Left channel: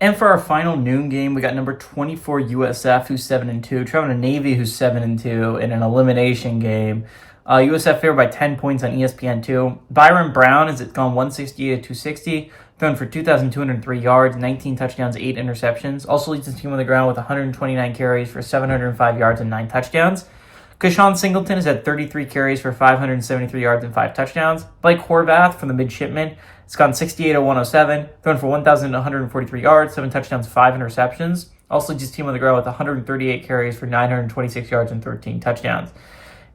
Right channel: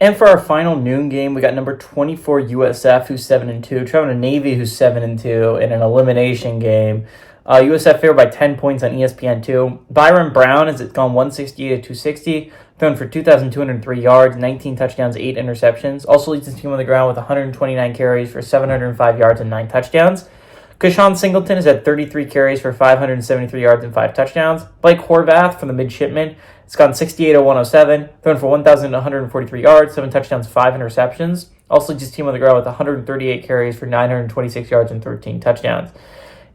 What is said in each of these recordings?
And for our final noon game, we got number 24 USF, who's 7-2, traveling to Navy, who's 7-2, in an elimination game. USF favored by 10 points on ESPN2. Byron Brown has gone 160 to 260, thrown for 2,203 yards, 19 touchdowns, 8 interceptions. Also leads his team on the ground with 129 carries for 705 yards and 9 touchdowns. Keshawn Singleton has had 33 carries for 573 yards and 5 touchdowns. Blake Horvath from the Midshipmen has gone 68 to 107, thrown for 1,143 yards, 7 touchdowns, 5 interceptions. Also leads his team on the ground with 138 carries for 926 yards and 13 touchdowns.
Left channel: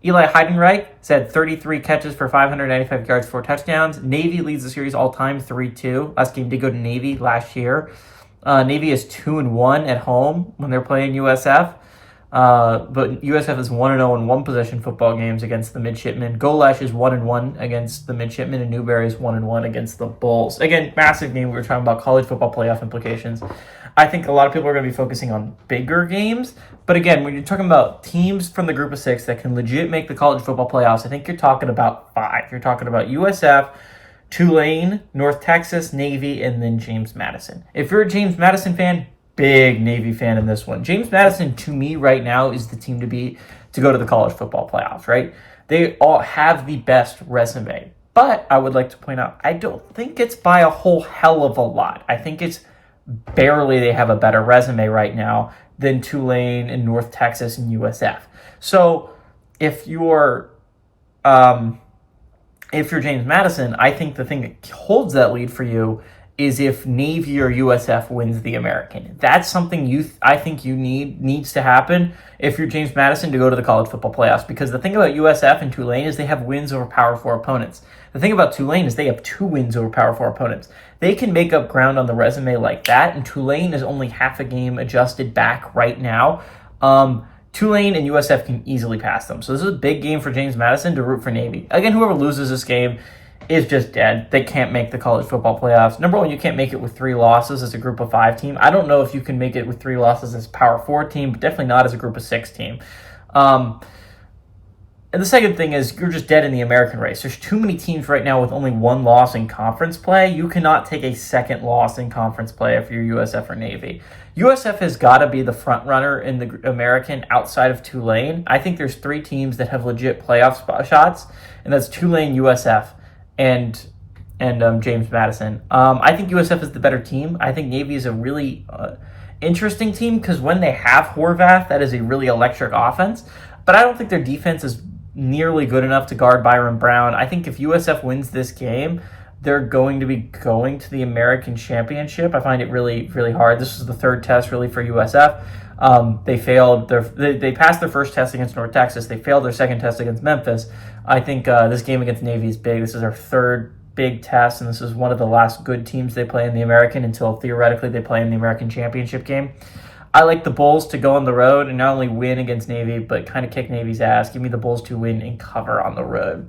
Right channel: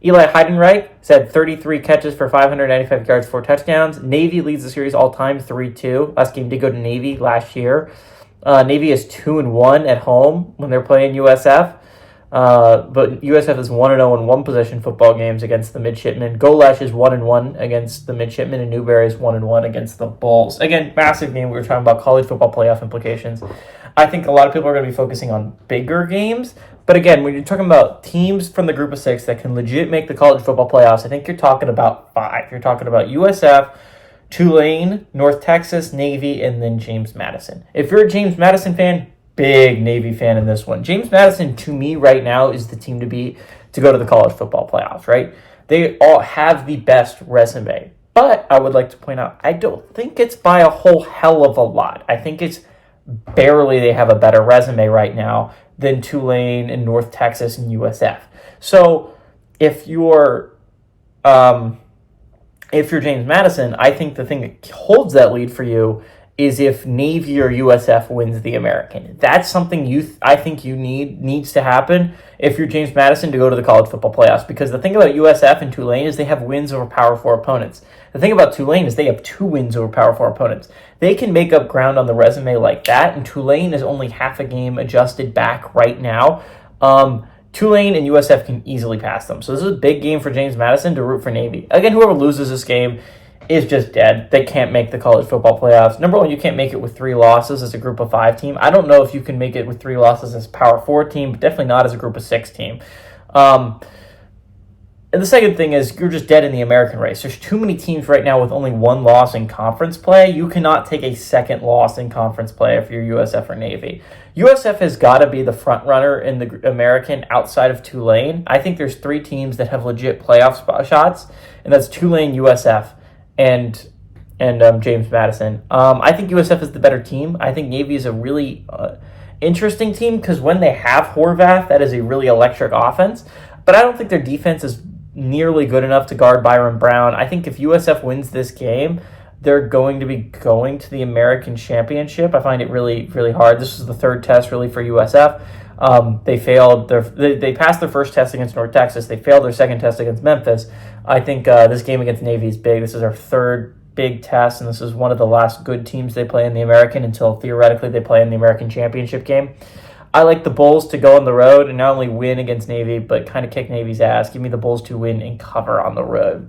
Eli Heidenreich has had 33 catches for 595 yards, 4 touchdowns. Navy leads the series all-time 3-2. Last game did go to Navy last year. Navy is 2-1 at home when they're playing USF. But USF is 1-0 in one-possession football games against the Midshipmen. Golesh is 1-1 against the Midshipmen, and Newberry is 1-1 against the Bulls. Again, massive game. We were talking about college football playoff implications. I think a lot of people are going to be focusing on bigger games. But again, when you're talking about teams from the group of 6 that can legit make the college football playoffs, I think you're talking about 5. You're talking about USF, Tulane, North Texas, Navy, and then James Madison. If you're a James Madison fan, big Navy fan in this one. James Madison, to me, right now, is the team to beat to go to the college football playoffs, right? They all have the best resume. But I would like to point out, I don't think it's by a whole hell of a lot. I think it's barely they have a better resume right now than Tulane and North Texas and USF. So if you're James Madison, I think the thing that holds that lead for you is if Navy or USF wins the American. That's something I think needs to happen if you're James Madison to go to the college football playoffs. Because the thing about USF and Tulane is they have wins over Power 4 opponents. The thing about Tulane is they have 2 wins over Power 4 opponents. They can make up ground on the resume like that, and Tulane is only half a game adjusted back right now. Tulane and USF can easily pass them. So this is a big game for James Madison to root for Navy. Again, whoever loses this game is just dead. They can't make the college football playoffs. Number one, you can't make it with 3 losses as a group of 5 team. I don't know if you can make it with 3 losses as a Power 4 team, but definitely not as a group of 6 team. And the second thing is you're just dead in the American race. There's too many teams right now with only 1 loss in conference play. You cannot take a second loss in conference play if you're USF or Navy. USF has got to be the front runner in the American outside of Tulane. I think there's 3 teams that have legit playoff shots, and that's Tulane, USF, and James Madison. I think USF is the better team. I think Navy is a really interesting team because when they have Horvath, that is a really electric offense. But I don't think their defense is nearly good enough to guard Byron Brown. I think if USF wins this game, they're going to be going to the American Championship. I find it really, really hard. This is the 3rd test really for USF. They failed. They passed their first test against North Texas. They failed their second test against Memphis. I think this game against Navy is big. This is our 3rd big test, and this is one of the last good teams they play in the American until theoretically they play in the American Championship game. I like the Bulls to go on the road and not only win against Navy, but kind of kick Navy's ass. Give me the Bulls to win and cover on the road.